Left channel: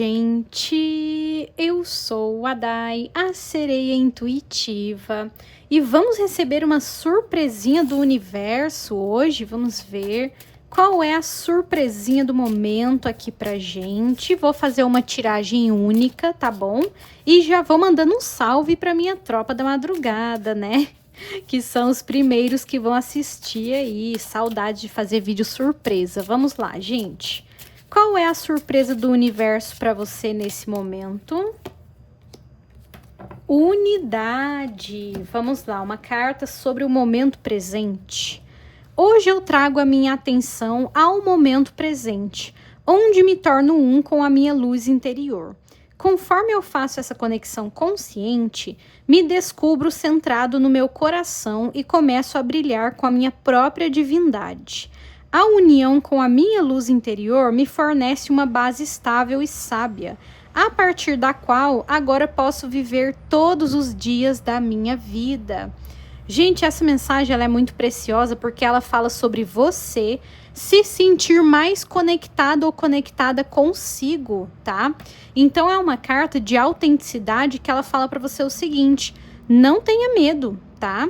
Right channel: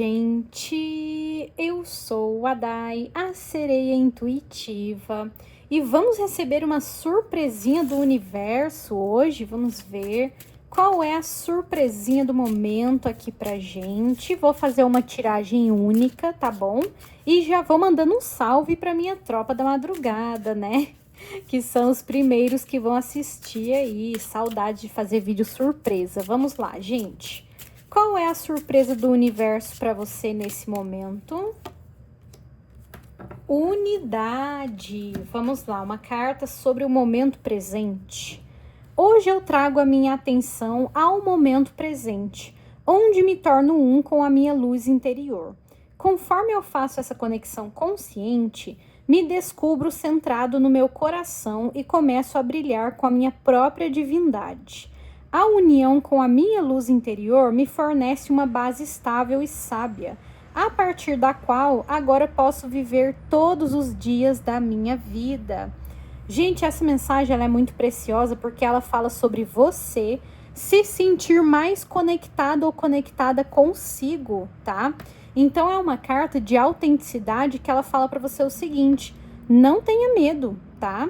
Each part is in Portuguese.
gente! Eu sou a Dai, a sereia intuitiva, e vamos receber uma surpresinha do universo hoje. Vamos ver qual é a surpresinha do momento aqui pra gente. Vou fazer uma tiragem única, tá bom? E já vou mandando um salve pra minha tropa da madrugada, né? Que são os primeiros que vão assistir aí. Saudade de fazer vídeo surpresa. Vamos lá, gente. Qual é a surpresa do universo para você nesse momento? Unidade. Vamos lá, uma carta sobre o momento presente. Hoje eu trago a minha atenção ao momento presente, onde me torno um com a minha luz interior. Conforme eu faço essa conexão consciente, me descubro centrado no meu coração e começo a brilhar com a minha própria divindade. A união com a minha luz interior me fornece uma base estável e sábia, a partir da qual agora posso viver todos os dias da minha vida. Gente, essa mensagem ela é muito preciosa porque ela fala sobre você se sentir mais conectado ou conectada consigo, tá? Então é uma carta de autenticidade que ela fala para você o seguinte: não tenha medo, tá?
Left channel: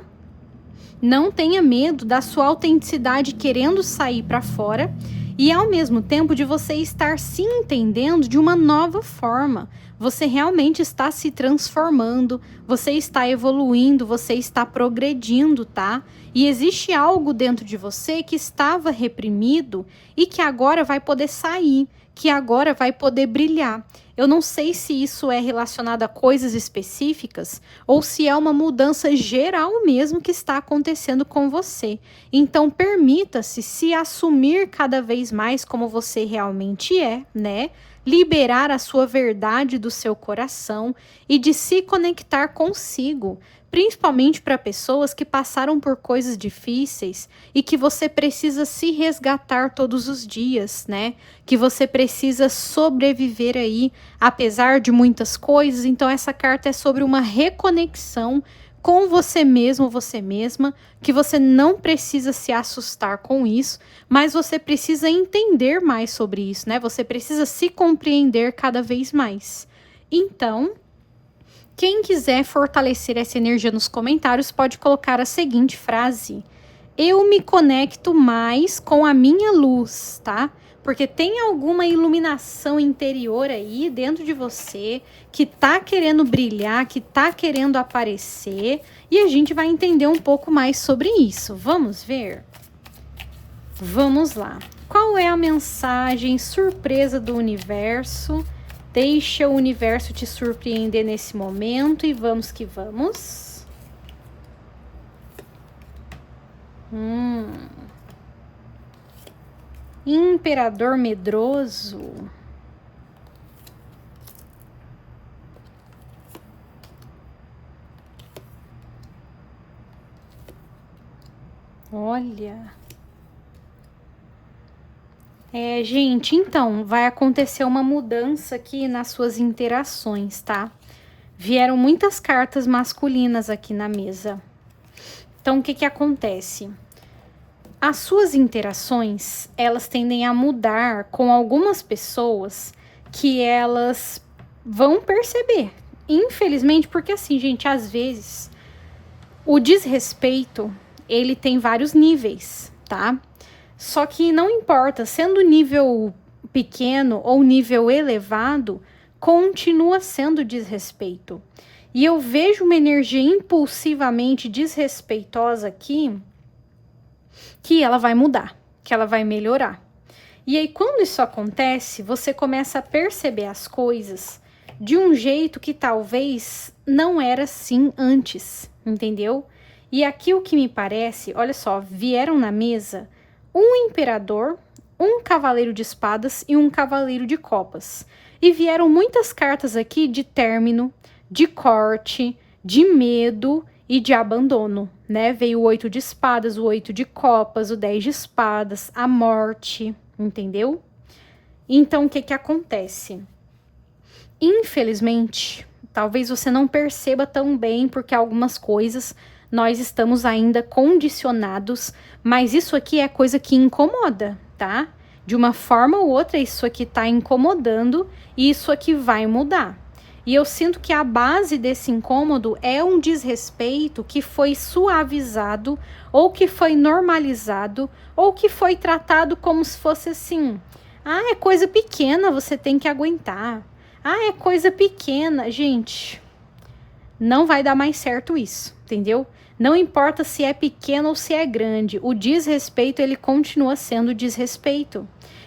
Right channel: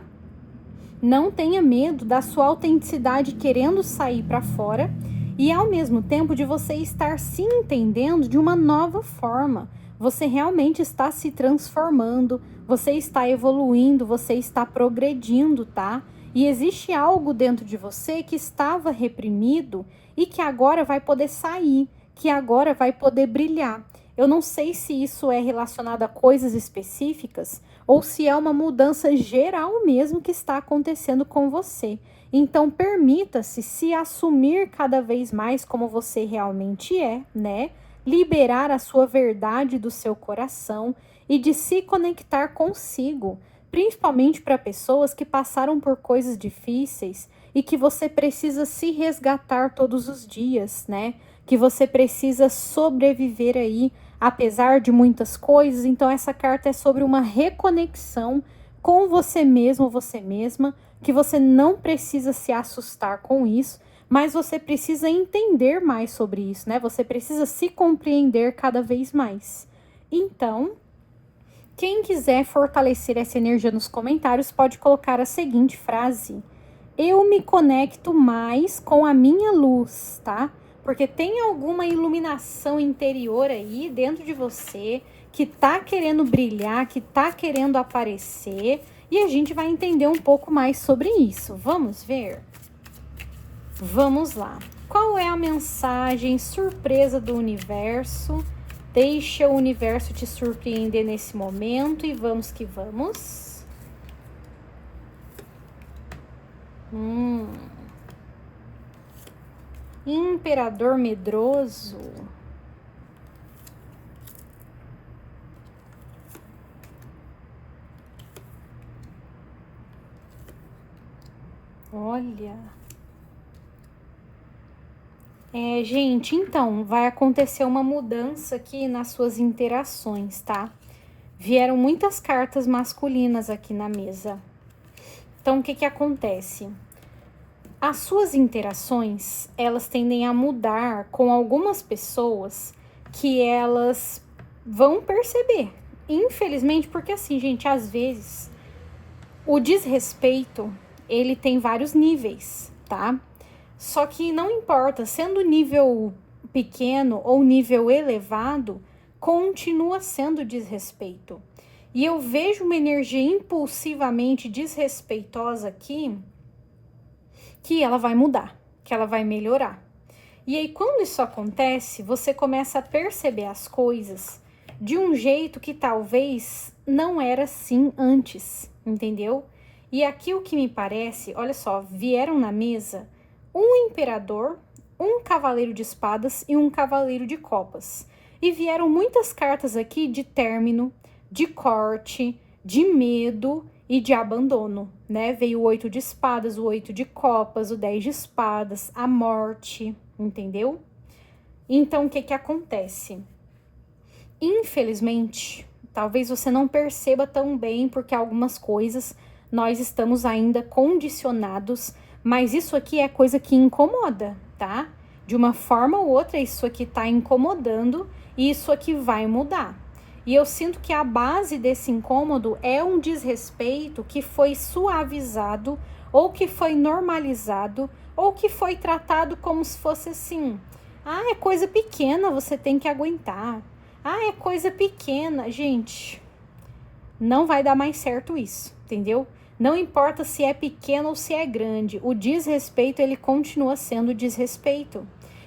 Não tenha medo da sua autenticidade querendo sair para fora e ao mesmo tempo de você estar se entendendo de uma nova forma. Você realmente está se transformando, você está evoluindo, você está progredindo, tá? E existe algo dentro de você que estava reprimido e que agora vai poder sair, que agora vai poder brilhar. Eu não sei se isso é relacionado a coisas específicas ou se é uma mudança geral mesmo que está acontecendo com você. Então, permita-se se assumir cada vez mais como você realmente é, né? Liberar a sua verdade do seu coração e de se conectar consigo, principalmente para pessoas que passaram por coisas difíceis e que você precisa se resgatar todos os dias, né? Que você precisa sobreviver aí, apesar de muitas coisas. Então essa carta é sobre uma reconexão com você mesmo, você mesma, que você não precisa se assustar com isso, mas você precisa entender mais sobre isso, né? Você precisa se compreender cada vez mais. Então, quem quiser fortalecer essa energia nos comentários pode colocar a seguinte frase: eu me conecto mais com a minha luz, tá? Porque tem alguma iluminação interior aí dentro de você que tá querendo brilhar, que tá querendo aparecer, e a gente vai entender um pouco mais sobre isso. Vamos ver? Vamos lá. Qual é a mensagem surpresa do universo? Deixa o universo te surpreender nesse momento e vamos que vamos. Imperador medroso. Olha. Gente, então, vai acontecer uma mudança aqui nas suas interações, tá? Vieram muitas cartas masculinas aqui na mesa. Então, o que que acontece? As suas interações, elas tendem a mudar com algumas pessoas que elas vão perceber. Infelizmente, porque assim, gente, às vezes o desrespeito, ele tem vários níveis, tá? Só que não importa, sendo nível pequeno ou nível elevado, continua sendo desrespeito. E eu vejo uma energia impulsivamente desrespeitosa aqui, que ela vai mudar, que ela vai melhorar. E aí, quando isso acontece, você começa a perceber as coisas de um jeito que talvez não era assim antes, entendeu? E aqui o que me parece, olha só, vieram na mesa um imperador, um cavaleiro de espadas e um cavaleiro de copas. E vieram muitas cartas aqui de término, de corte, de medo e de abandono, né? Veio o 8 de espadas, o 8 de copas, o 10 de espadas, a morte, entendeu? Então, o que que acontece? Infelizmente, talvez você não perceba tão bem, porque algumas coisas nós estamos ainda condicionados, mas isso aqui é coisa que incomoda, tá? De uma forma ou outra, isso aqui tá incomodando e isso aqui vai mudar. E eu sinto que a base desse incômodo é um desrespeito que foi suavizado, ou que foi normalizado, ou que foi tratado como se fosse assim: ah, é coisa pequena, você tem que aguentar. Ah, é coisa pequena. Gente, não vai dar mais certo isso, entendeu? Não importa se é pequeno ou se é grande, o desrespeito, ele continua sendo desrespeito.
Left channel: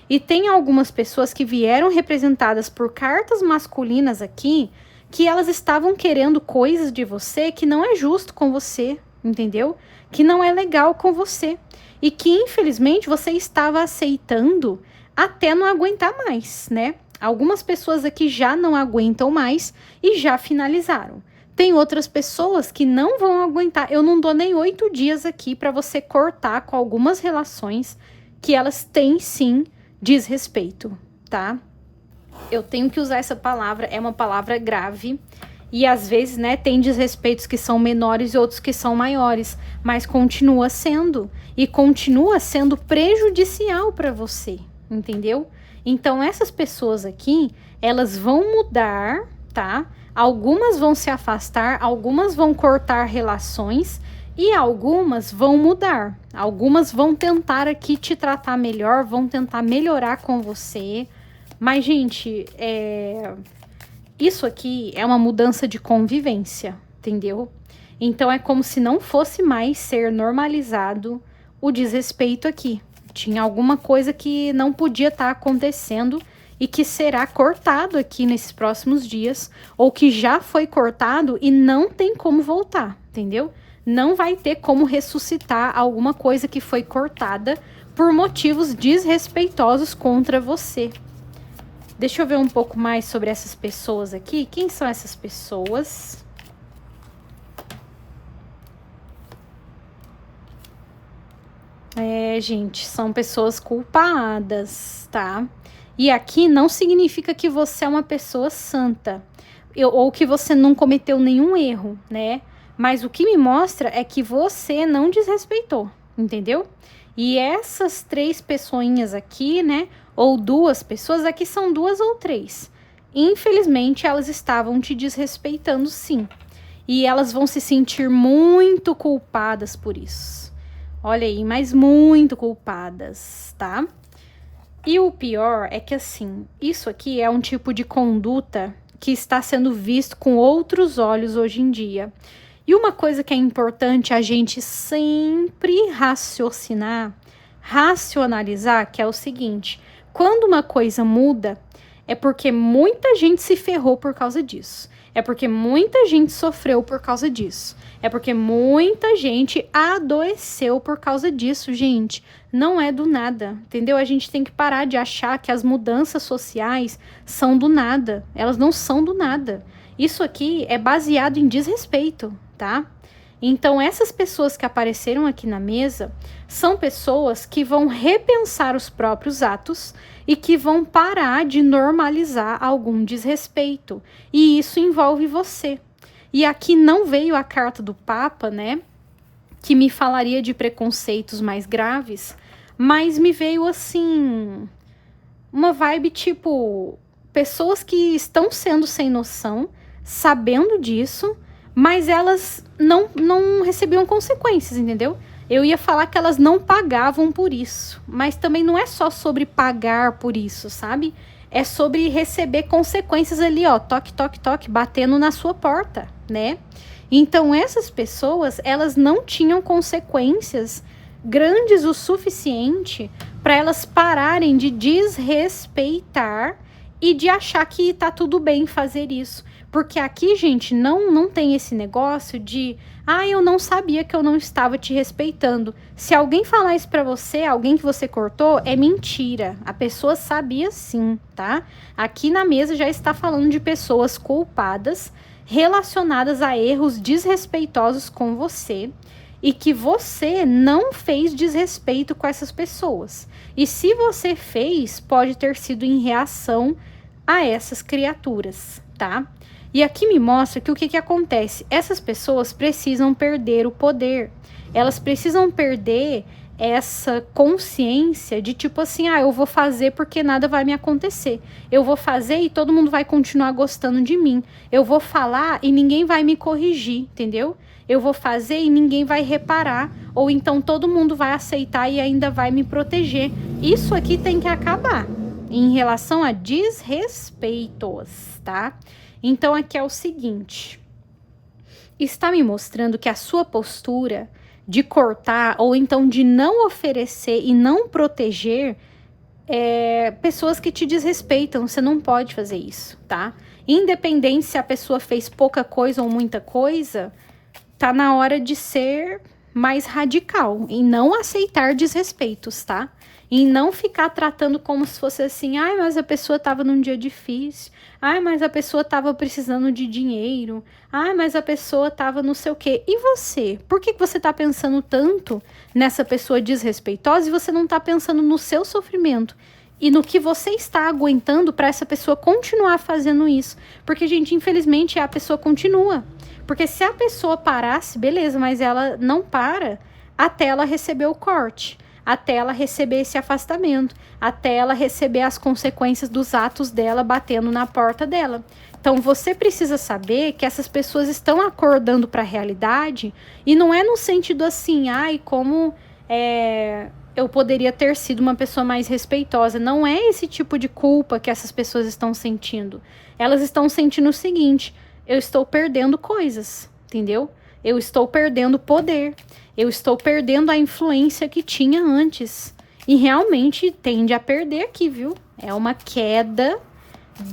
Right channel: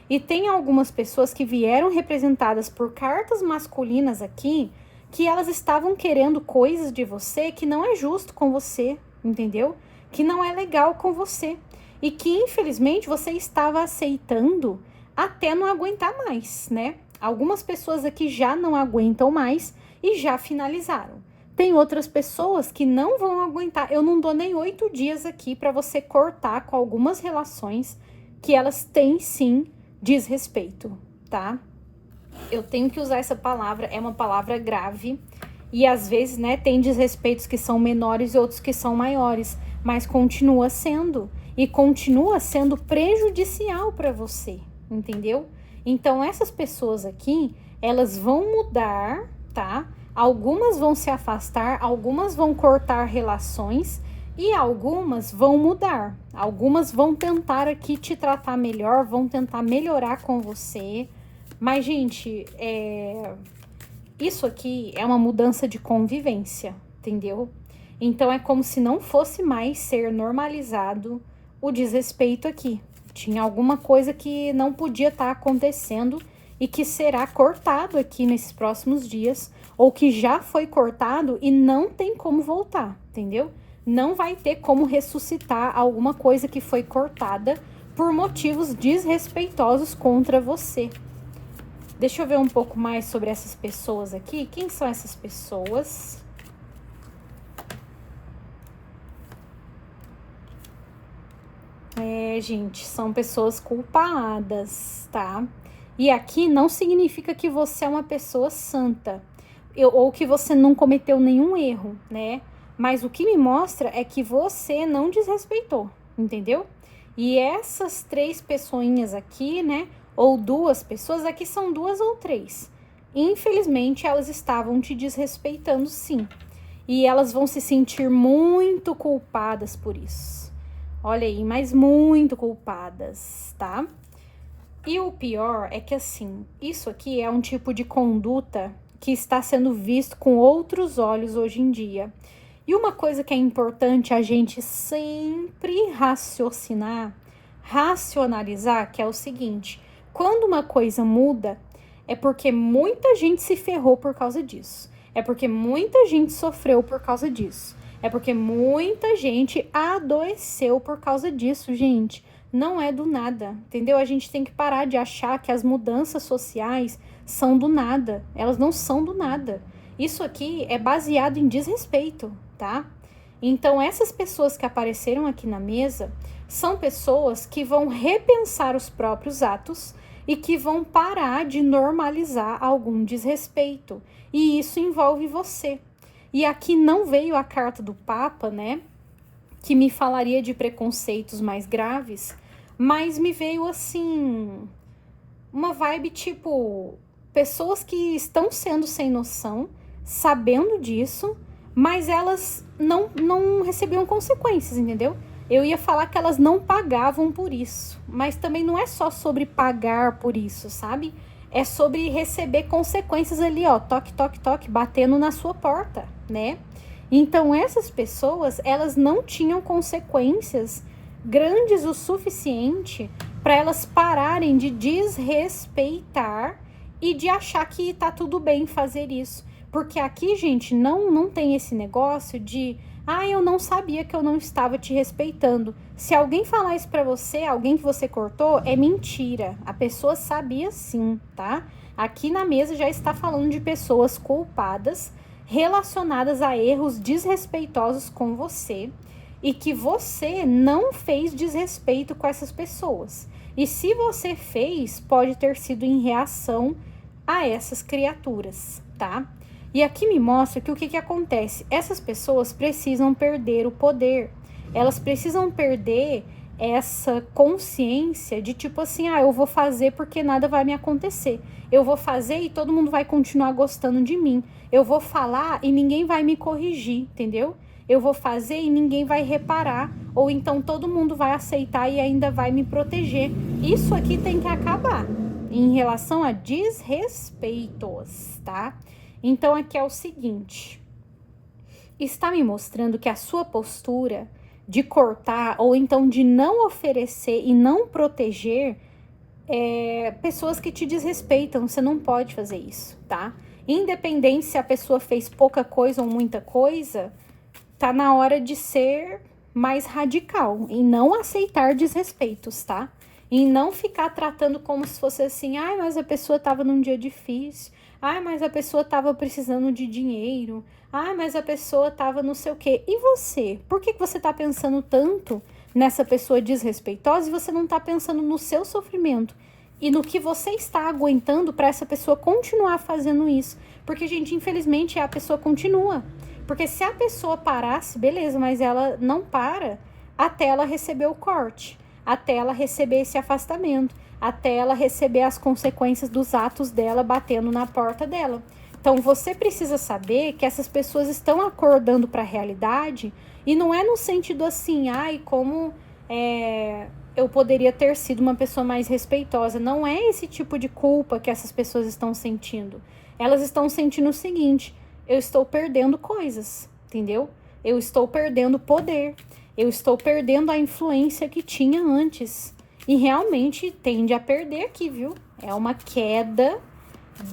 E tem algumas pessoas que vieram representadas por cartas masculinas aqui, que elas estavam querendo coisas de você que não é justo com você, entendeu? Que não é legal com você. E que, infelizmente, você estava aceitando até não aguentar mais, né? Algumas pessoas aqui já não aguentam mais e já finalizaram. Tem outras pessoas que não vão aguentar. Eu não dou nem 8 dias aqui para você cortar com algumas relações que elas têm, sim, desrespeito, tá? Eu tenho que usar essa palavra, é uma palavra grave. E às vezes, né, tem desrespeitos que são menores e outros que são maiores, mas continua sendo. E continua sendo prejudicial para você, entendeu? Então, essas pessoas aqui, elas vão mudar, tá? Algumas vão se afastar, algumas vão cortar relações e algumas vão mudar. Algumas vão tentar aqui te tratar melhor, vão tentar melhorar com você. Mas, gente, isso aqui é uma mudança de convivência, entendeu? Então, é como se não fosse mais ser normalizado o desrespeito aqui. Tinha alguma coisa que não podia estar acontecendo e que será cortado aqui nesses próximos dias, ou que já foi cortado e não tem como voltar, entendeu? Não vai ter como ressuscitar alguma coisa que foi cortada por motivos desrespeitosos contra você. Deixa eu ver um pouco mais sobre essas pessoas aqui. Quem são essas pessoas? Gente, são pessoas culpadas, tá? E aqui não significa que você é uma pessoa santa, ou que você não cometeu nenhum erro, né? Mas o que me mostra é que você não desrespeitou, entendeu? E essas 3 pessoinhas aqui, né? Ou 2 pessoas, aqui são 2 ou 3. Infelizmente, elas estavam te desrespeitando, sim. E elas vão se sentir muito culpadas por isso. Olha aí, mas muito culpadas, tá? E o pior é que, assim, isso aqui é um tipo de conduta que está sendo visto com outros olhos hoje em dia. E uma coisa que é importante a gente sempre racionalizar, que é o seguinte: quando uma coisa muda, é porque muita gente se ferrou por causa disso. É porque muita gente sofreu por causa disso. É porque muita gente adoeceu por causa disso, gente. Não é do nada, entendeu? A gente tem que parar de achar que as mudanças sociais são do nada. Elas não são do nada. Isso aqui é baseado em desrespeito, tá? Então, essas pessoas que apareceram aqui na mesa são pessoas que vão repensar os próprios atos e que vão parar de normalizar algum desrespeito. E isso envolve você. E aqui não veio a carta do Papa, né? Que me falaria de preconceitos mais graves, mas me veio assim uma vibe tipo pessoas que estão sendo sem noção, sabendo disso, mas elas não recebiam consequências, entendeu? Eu ia falar que elas não pagavam por isso, mas também não é só sobre pagar por isso, sabe? É sobre receber consequências ali, ó, toque, toque, toque, batendo na sua porta, né? Então, essas pessoas, elas não tinham consequências grandes o suficiente para elas pararem de desrespeitar e de achar que tá tudo bem fazer isso. Porque aqui, gente, não tem esse negócio de eu não sabia que eu não estava te respeitando. Se alguém falar isso pra você, alguém que você cortou, é mentira. A pessoa sabia sim, tá? Aqui na mesa já está falando de pessoas culpadas relacionadas a erros desrespeitosos com você e que você não fez desrespeito com essas pessoas. E se você fez, pode ter sido em reação a essas criaturas, tá? E aqui me mostra que o que acontece? Essas pessoas precisam perder o poder. Elas precisam perder essa consciência de tipo assim, eu vou fazer porque nada vai me acontecer. Eu vou fazer e todo mundo vai continuar gostando de mim. Eu vou falar e ninguém vai me corrigir, entendeu? Eu vou fazer e ninguém vai reparar. Ou então todo mundo vai aceitar e ainda vai me proteger. Isso aqui tem que acabar em relação a desrespeitos, tá? Então aqui é o seguinte. Está me mostrando que a sua postura de cortar ou então de não oferecer e não proteger pessoas que te desrespeitam. Você não pode fazer isso, tá? Independente se a pessoa fez pouca coisa ou muita coisa, tá na hora de ser mais radical e não aceitar desrespeitos, tá? E não ficar tratando como se fosse assim, mas a pessoa tava num dia difícil, mas a pessoa tava precisando de dinheiro, mas a pessoa tava não sei o quê. E você? Por que você tá pensando tanto nessa pessoa desrespeitosa e você não tá pensando no seu sofrimento e no que você está aguentando para essa pessoa continuar fazendo isso? Porque, gente, infelizmente a pessoa continua. Porque se a pessoa parasse, beleza, mas ela não para até ela receber o corte, até ela receber esse afastamento, até ela receber as consequências dos atos dela batendo na porta dela. Então, você precisa saber que essas pessoas estão acordando para a realidade e não é no sentido assim, como eu poderia ter sido uma pessoa mais respeitosa. Não é esse tipo de culpa que essas pessoas estão sentindo. Elas estão sentindo o seguinte: eu estou perdendo coisas, entendeu? Eu estou perdendo poder. Eu estou perdendo a influência que tinha antes. E realmente tende a perder aqui, viu? É uma queda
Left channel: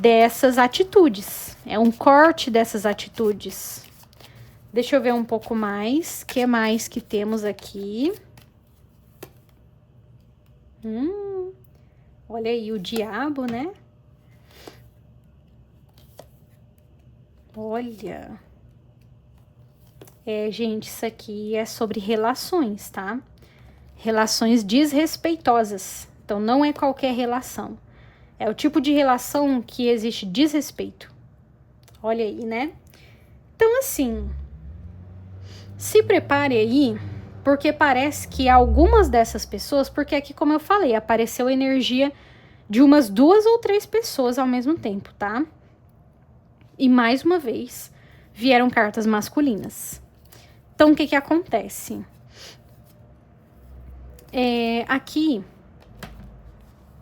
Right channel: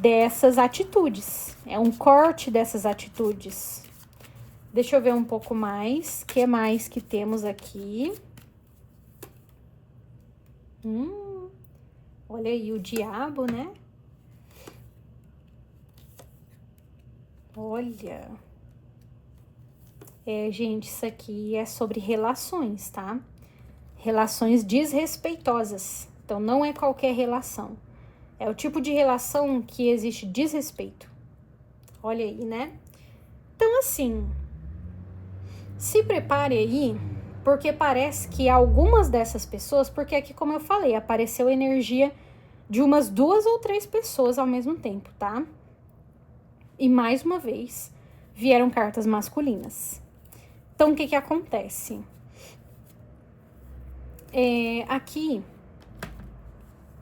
dessas atitudes. É um corte dessas atitudes. Deixa eu ver um pouco mais. O que mais que temos aqui? Olha aí o diabo, né? Olha. Gente, isso aqui é sobre relações, tá? Relações desrespeitosas. Então, não é qualquer relação. É o tipo de relação que existe desrespeito. Olha aí, né? Então, assim, se prepare aí, porque parece que algumas dessas pessoas, porque aqui, como eu falei, apareceu energia de umas 2 ou 3 pessoas ao mesmo tempo, tá? E mais uma vez, vieram cartas masculinas. Então, o que acontece? Aqui,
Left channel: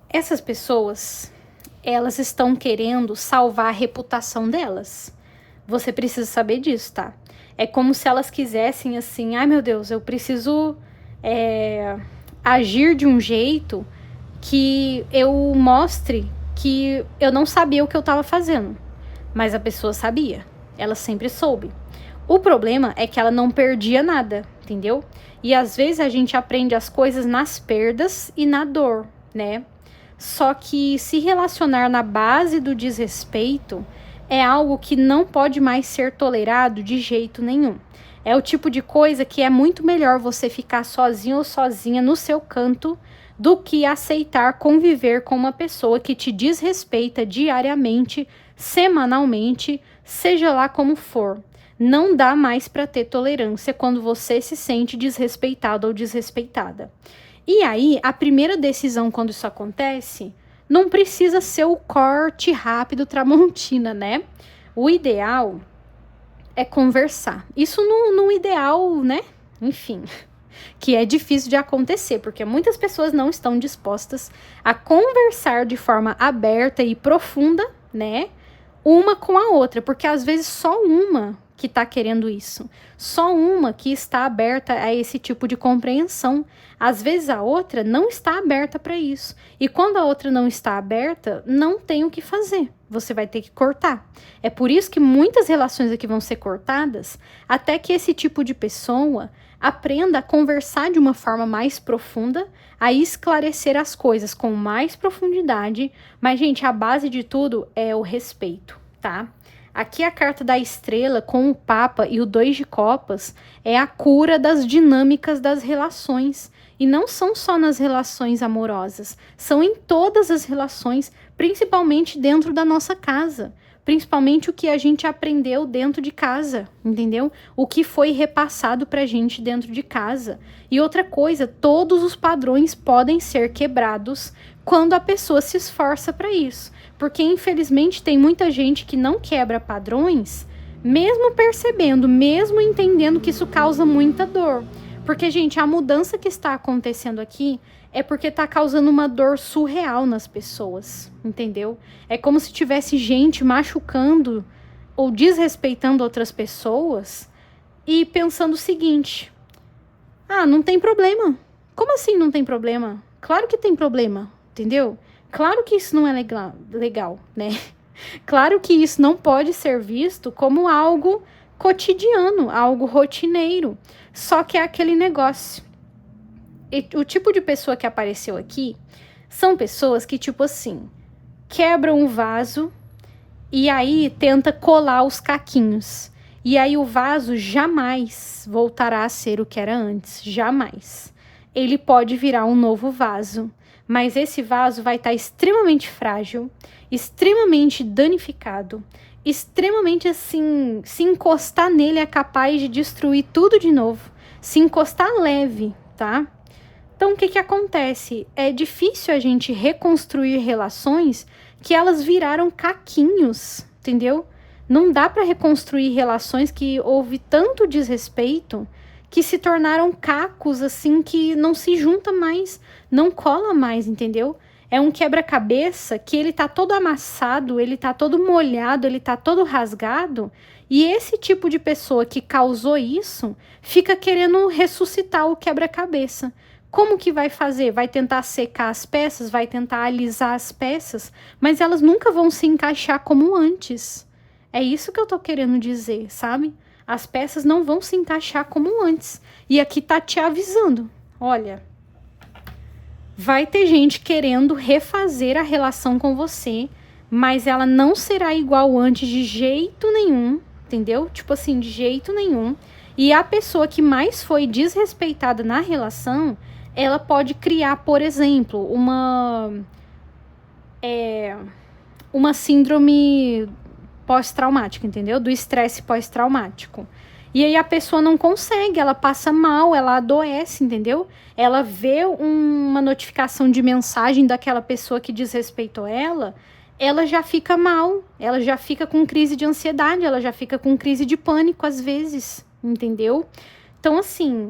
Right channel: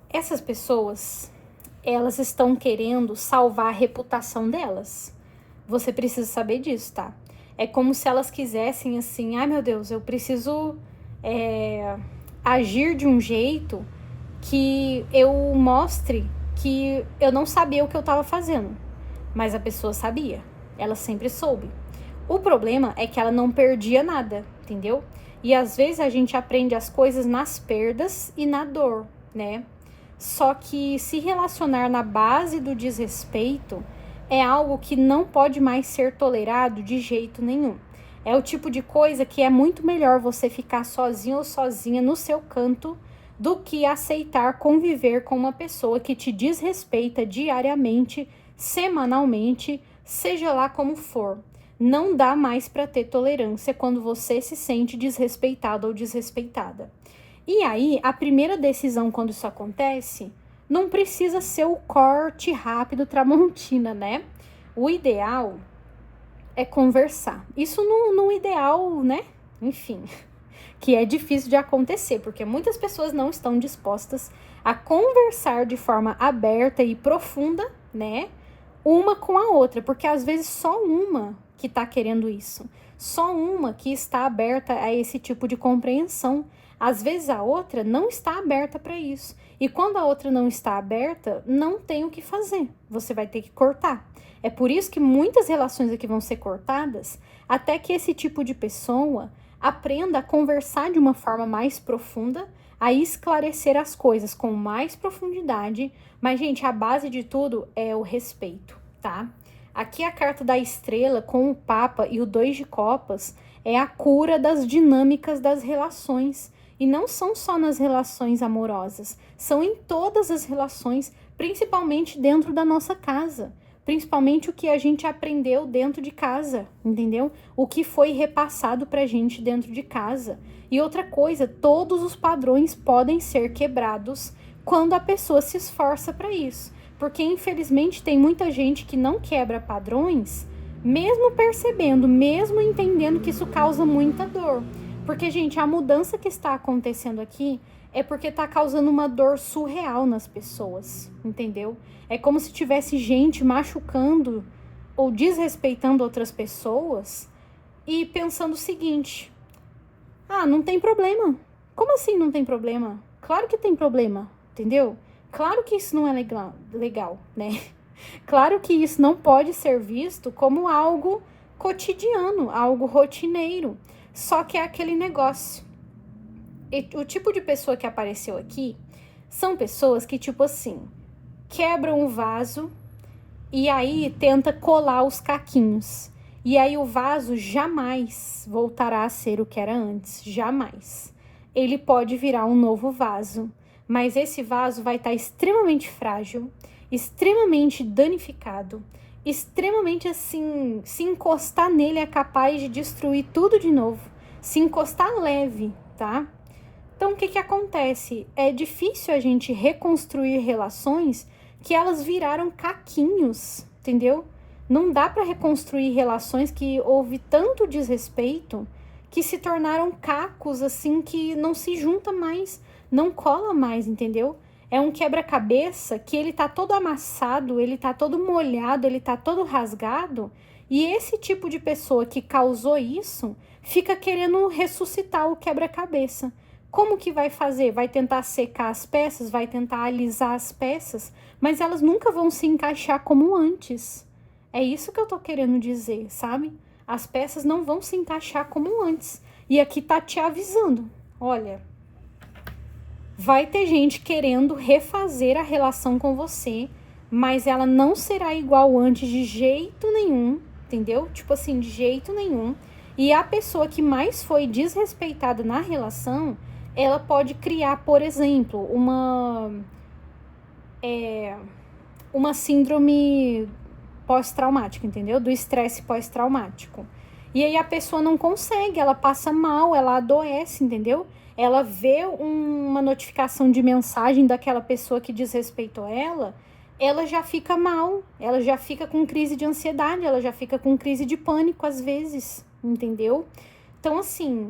essas pessoas, elas estão querendo salvar a reputação delas. Você precisa saber disso, tá? É como se elas quisessem assim, meu Deus, eu preciso agir de um jeito que eu mostre que eu não sabia o que eu tava fazendo. Mas a pessoa sabia, ela sempre soube. O problema é que ela não perdia nada, entendeu? E às vezes a gente aprende as coisas nas perdas e na dor, né? Só que se relacionar na base do desrespeito é algo que não pode mais ser tolerado de jeito nenhum. É o tipo de coisa que é muito melhor você ficar sozinho ou sozinha no seu canto do que aceitar conviver com uma pessoa que te desrespeita diariamente, semanalmente, seja lá como for. Não dá mais para ter tolerância quando você se sente desrespeitado ou desrespeitada. E aí, a primeira decisão quando isso acontece, não precisa ser o corte rápido Tramontina, né? O ideal é conversar. Isso no ideal, né? Enfim, que é difícil de acontecer, porque muitas pessoas não estão dispostas a conversar de forma aberta e profunda, né? Uma com a outra, porque às vezes só uma que está querendo isso, só uma que está aberta a esse tipo de compreensão. Às vezes a outra não está aberta para isso, e quando a outra não está aberta, não tem o que fazer, você vai ter que cortar. É por isso que muitas relações aqui vão ser cortadas, até que esse tipo de pessoa aprenda a conversar de uma forma mais profunda, a esclarecer as coisas com mais profundidade. Mas, gente, a base de tudo é o respeito, tá? Aqui a carta da estrela com o Papa e o 2 de copas é a cura das dinâmicas das relações. E não são só nas relações amorosas, são em todas as relações, principalmente dentro da nossa casa. principalmente o que a gente aprendeu dentro de casa, entendeu? O que foi repassado pra gente dentro de casa. E outra coisa, todos os padrões podem ser quebrados quando a pessoa se esforça para isso. Porque, infelizmente, tem muita gente que não quebra padrões, mesmo percebendo, mesmo entendendo que isso causa muita dor. Porque, gente, a mudança que está acontecendo aqui é porque está causando uma dor surreal nas pessoas, entendeu? É como se tivesse gente machucando ou desrespeitando outras pessoas e pensando o seguinte: ah, não tem problema. Como assim não tem problema? Claro que tem problema, entendeu? Claro que isso não é legal, né? Claro que isso não pode ser visto como algo cotidiano, algo rotineiro. Só que é aquele negócio. E o tipo de pessoa que apareceu aqui são pessoas que, tipo assim, quebram um vaso e aí tenta colar os caquinhos. E aí o vaso jamais voltará a ser o que era antes, jamais. Ele pode virar um novo vaso, mas esse vaso vai estar extremamente frágil, extremamente danificado, extremamente assim, se encostar nele é capaz de destruir tudo de novo, se encostar leve, tá? Então, o que acontece? É difícil a gente reconstruir relações que elas viraram caquinhos, entendeu? Não dá para reconstruir relações que houve tanto desrespeito que se tornaram cacos, assim, que não se junta mais, não cola mais, entendeu? É um quebra-cabeça que ele tá todo amassado, ele tá todo molhado, ele tá todo rasgado, e esse tipo de pessoa que causou isso fica querendo ressuscitar o quebra-cabeça. Como que vai fazer? Vai tentar secar as peças, vai tentar alisar as peças, mas elas nunca vão se encaixar como antes. É isso que eu tô querendo dizer, sabe? As peças não vão se encaixar como antes. E aqui tá te avisando. Olha, vai ter gente querendo refazer a relação com você, mas ela não será igual antes de jeito nenhum, entendeu? Tipo assim, de jeito nenhum. E a pessoa que mais foi desrespeitada na relação, ela pode criar, por exemplo, uma síndrome pós-traumática, entendeu? Do estresse pós-traumático. E aí a pessoa não consegue, ela passa mal, ela adoece, entendeu? Ela vê uma notificação de mensagem daquela pessoa que desrespeitou ela já fica mal, ela já fica com crise de ansiedade, ela já fica com crise de pânico às vezes, entendeu? Então, assim,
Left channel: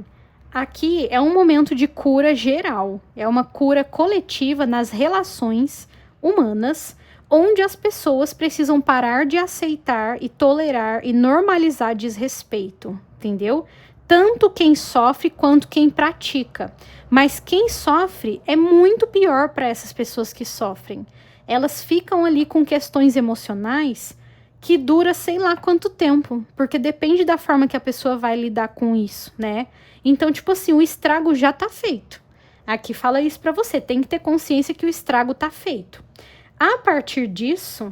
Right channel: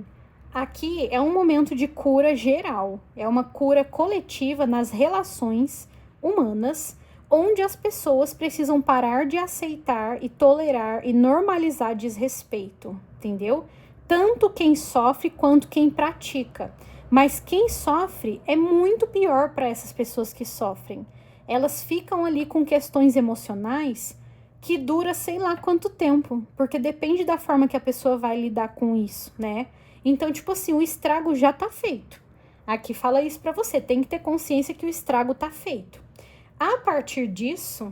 aqui é um momento de cura geral, é uma cura coletiva nas relações humanas, onde as pessoas precisam parar de aceitar e tolerar e normalizar desrespeito, entendeu? Tanto quem sofre quanto quem pratica. Mas quem sofre é muito pior para essas pessoas que sofrem. Elas ficam ali com questões emocionais que dura sei lá quanto tempo, porque depende da forma que a pessoa vai lidar com isso, né? Então, tipo assim, o estrago já tá feito. Aqui fala isso para você, tem que ter consciência que o estrago tá feito. A partir disso,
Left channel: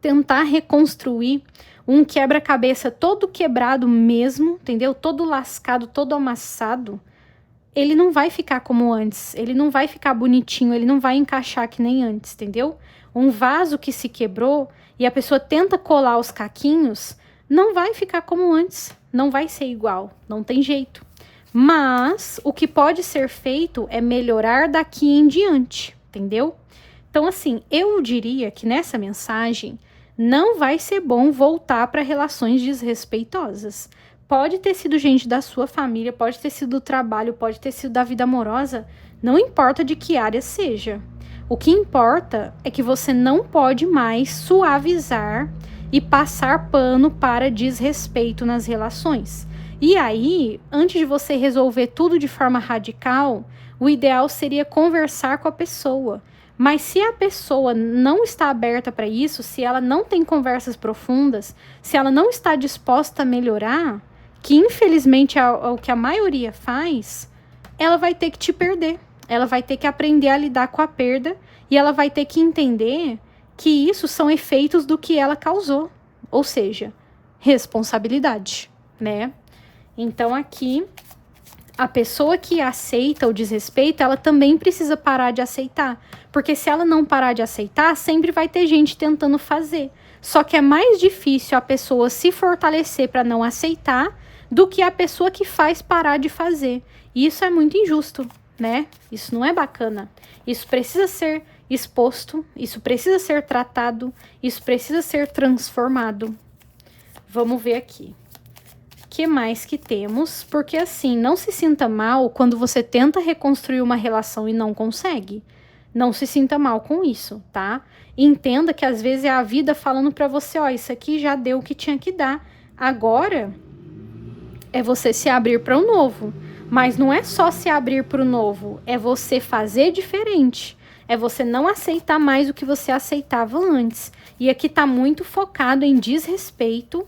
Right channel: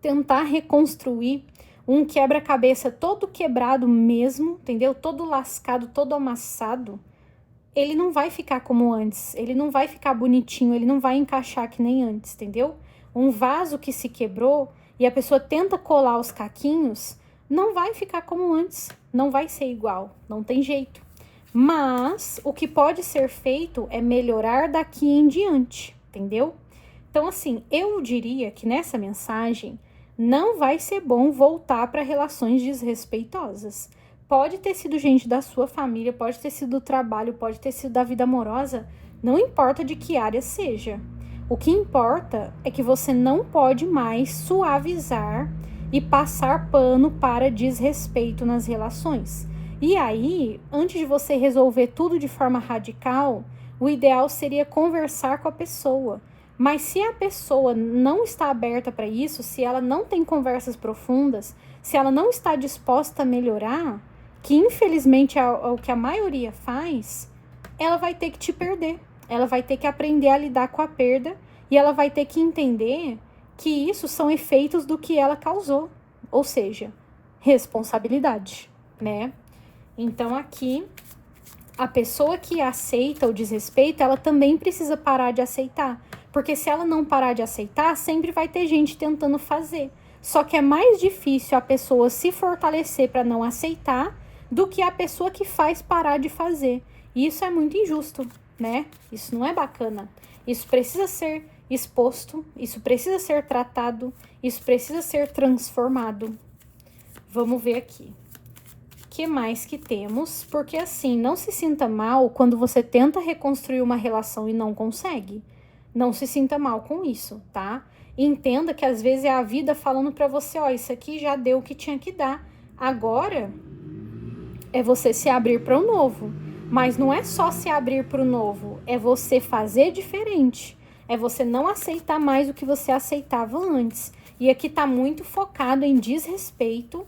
tentar reconstruir um quebra-cabeça todo quebrado mesmo, entendeu? Todo lascado, todo amassado, ele não vai ficar como antes, ele não vai ficar bonitinho, ele não vai encaixar que nem antes, entendeu? Um vaso que se quebrou e a pessoa tenta colar os caquinhos, não vai ficar como antes, não vai ser igual, não tem jeito. Mas o que pode ser feito é melhorar daqui em diante, entendeu? Então, assim, eu diria que nessa mensagem não vai ser bom voltar para relações desrespeitosas. Pode ter sido gente da sua família, pode ter sido do trabalho, pode ter sido da vida amorosa, não importa de que área seja. O que importa é que você não pode mais suavizar e passar pano para desrespeito nas relações. E aí, antes de você resolver tudo de forma radical, o ideal seria conversar com a pessoa. Mas se a pessoa não está aberta para isso, se ela não tem conversas profundas, se ela não está disposta a melhorar, que infelizmente é o que a maioria faz, ela vai ter que te perder. Ela vai ter que aprender a lidar com a perda e ela vai ter que entender que isso são efeitos do que ela causou. Ou seja, responsabilidade, né? Então aqui, a pessoa que aceita o desrespeito, ela também precisa parar de aceitar. Porque se ela não parar de aceitar, sempre vai ter gente tentando fazer. Só que é mais difícil a pessoa se fortalecer para não aceitar do que a pessoa que faz parar de fazer. E isso é muito injusto, né? Isso não é bacana. Isso precisa ser exposto, isso precisa ser tratado, isso precisa ser transformado. Vamos ver aqui. O que mais que temos? Porque assim, não se sinta mal quando você tenta reconstruir uma relação e não consegue. Não se sinta mal com isso, tá? Entenda que às vezes é a vida falando pra você, ó, isso aqui já deu o que tinha que dar. Agora é você se abrir para o novo. Mas não é só se abrir para o novo, é você fazer diferente. É você não aceitar mais o que você aceitava antes. E aqui tá muito focado em desrespeito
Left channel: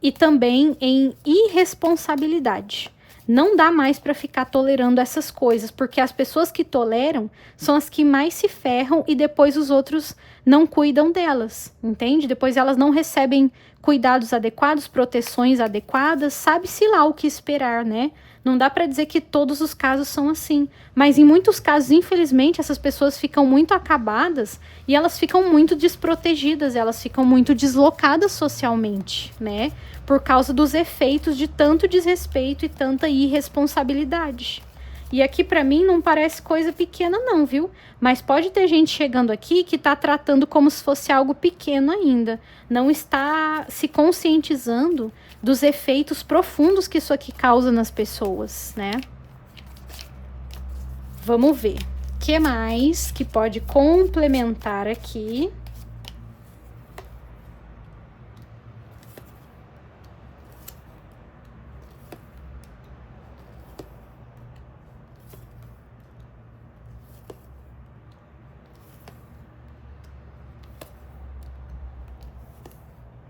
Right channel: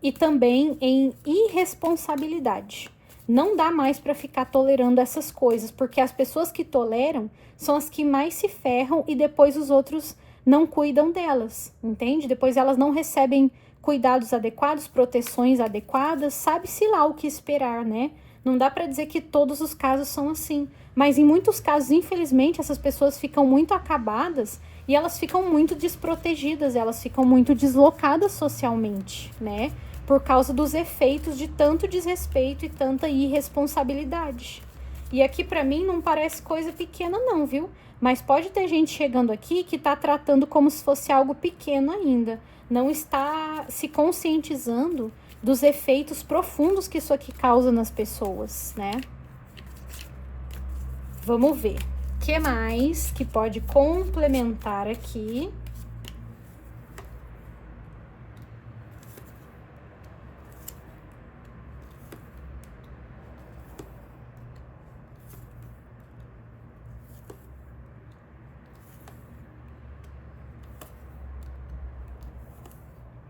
e também em irresponsabilidade. Não dá mais para ficar tolerando essas coisas, porque as pessoas que toleram são as que mais se ferram e depois os outros não cuidam delas, entende? Depois elas não recebem cuidados adequados, proteções adequadas, sabe-se lá o que esperar, né? Não dá para dizer que todos os casos são assim, mas em muitos casos, infelizmente, essas pessoas ficam muito acabadas e elas ficam muito desprotegidas, elas ficam muito deslocadas socialmente, né? Por causa dos efeitos de tanto desrespeito e tanta irresponsabilidade. E aqui pra mim não parece coisa pequena não, viu? Mas pode ter gente chegando aqui que tá tratando como se fosse algo pequeno ainda. Não está se conscientizando dos efeitos profundos que isso aqui causa nas pessoas, né? Vamos ver. O que mais que pode complementar aqui?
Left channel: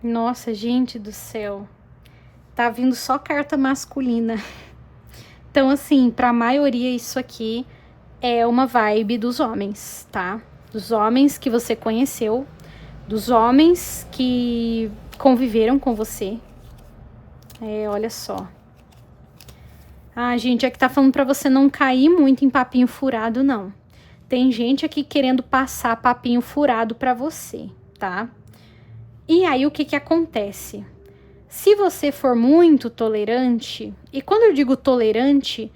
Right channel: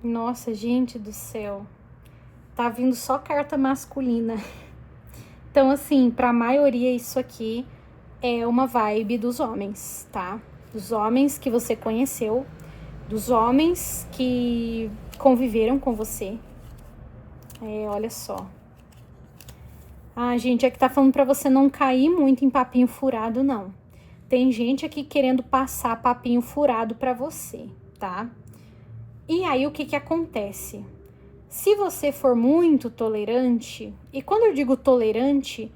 Nossa, gente do céu. Tá vindo só carta masculina. Então, assim, pra maioria isso aqui é uma vibe dos homens, tá? Dos homens que você conheceu, dos homens que conviveram com você. Olha só. Ah, gente, é que tá falando pra você não cair muito em papinho furado, não. Tem gente aqui querendo passar papinho furado pra você, tá? E aí, o que que acontece? Se você for muito tolerante, e quando eu digo tolerante,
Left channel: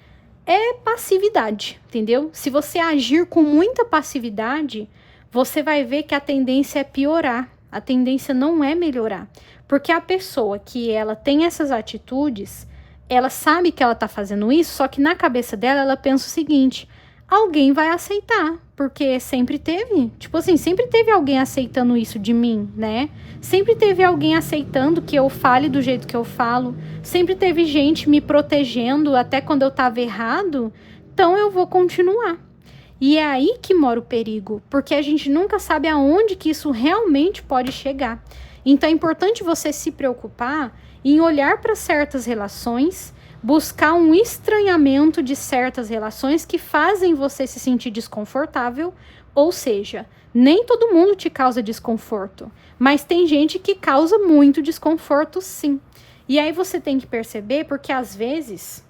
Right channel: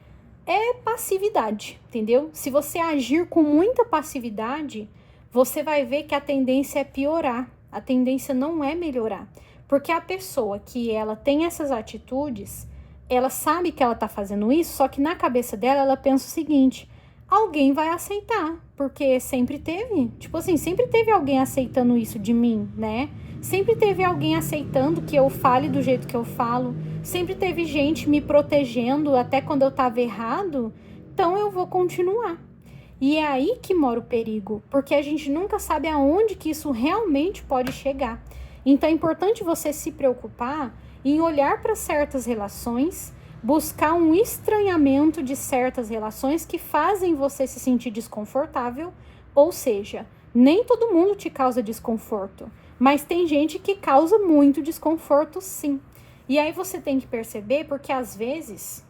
é passividade, entendeu? Se você agir com muita passividade, você vai ver que a tendência é piorar, a tendência não é melhorar. Porque a pessoa que ela tem essas atitudes, ela sabe que ela tá fazendo isso, só que na cabeça dela ela pensa o seguinte: alguém vai aceitar, porque sempre teve, tipo assim, sempre teve alguém aceitando isso de mim, né? Sempre teve alguém aceitando que eu fale do jeito que eu falo, sempre teve gente me protegendo até quando eu tava errado, então eu vou continuar. E é aí que mora o perigo, porque a gente nunca sabe aonde que isso realmente pode chegar. Então é importante você se preocupar em olhar para certas relações, buscar um estranhamento de certas relações que fazem você se sentir desconfortável, ou seja, nem todo mundo te causa desconforto, mas tem gente que causa muito desconforto, sim. E aí você tem que perceber, porque às vezes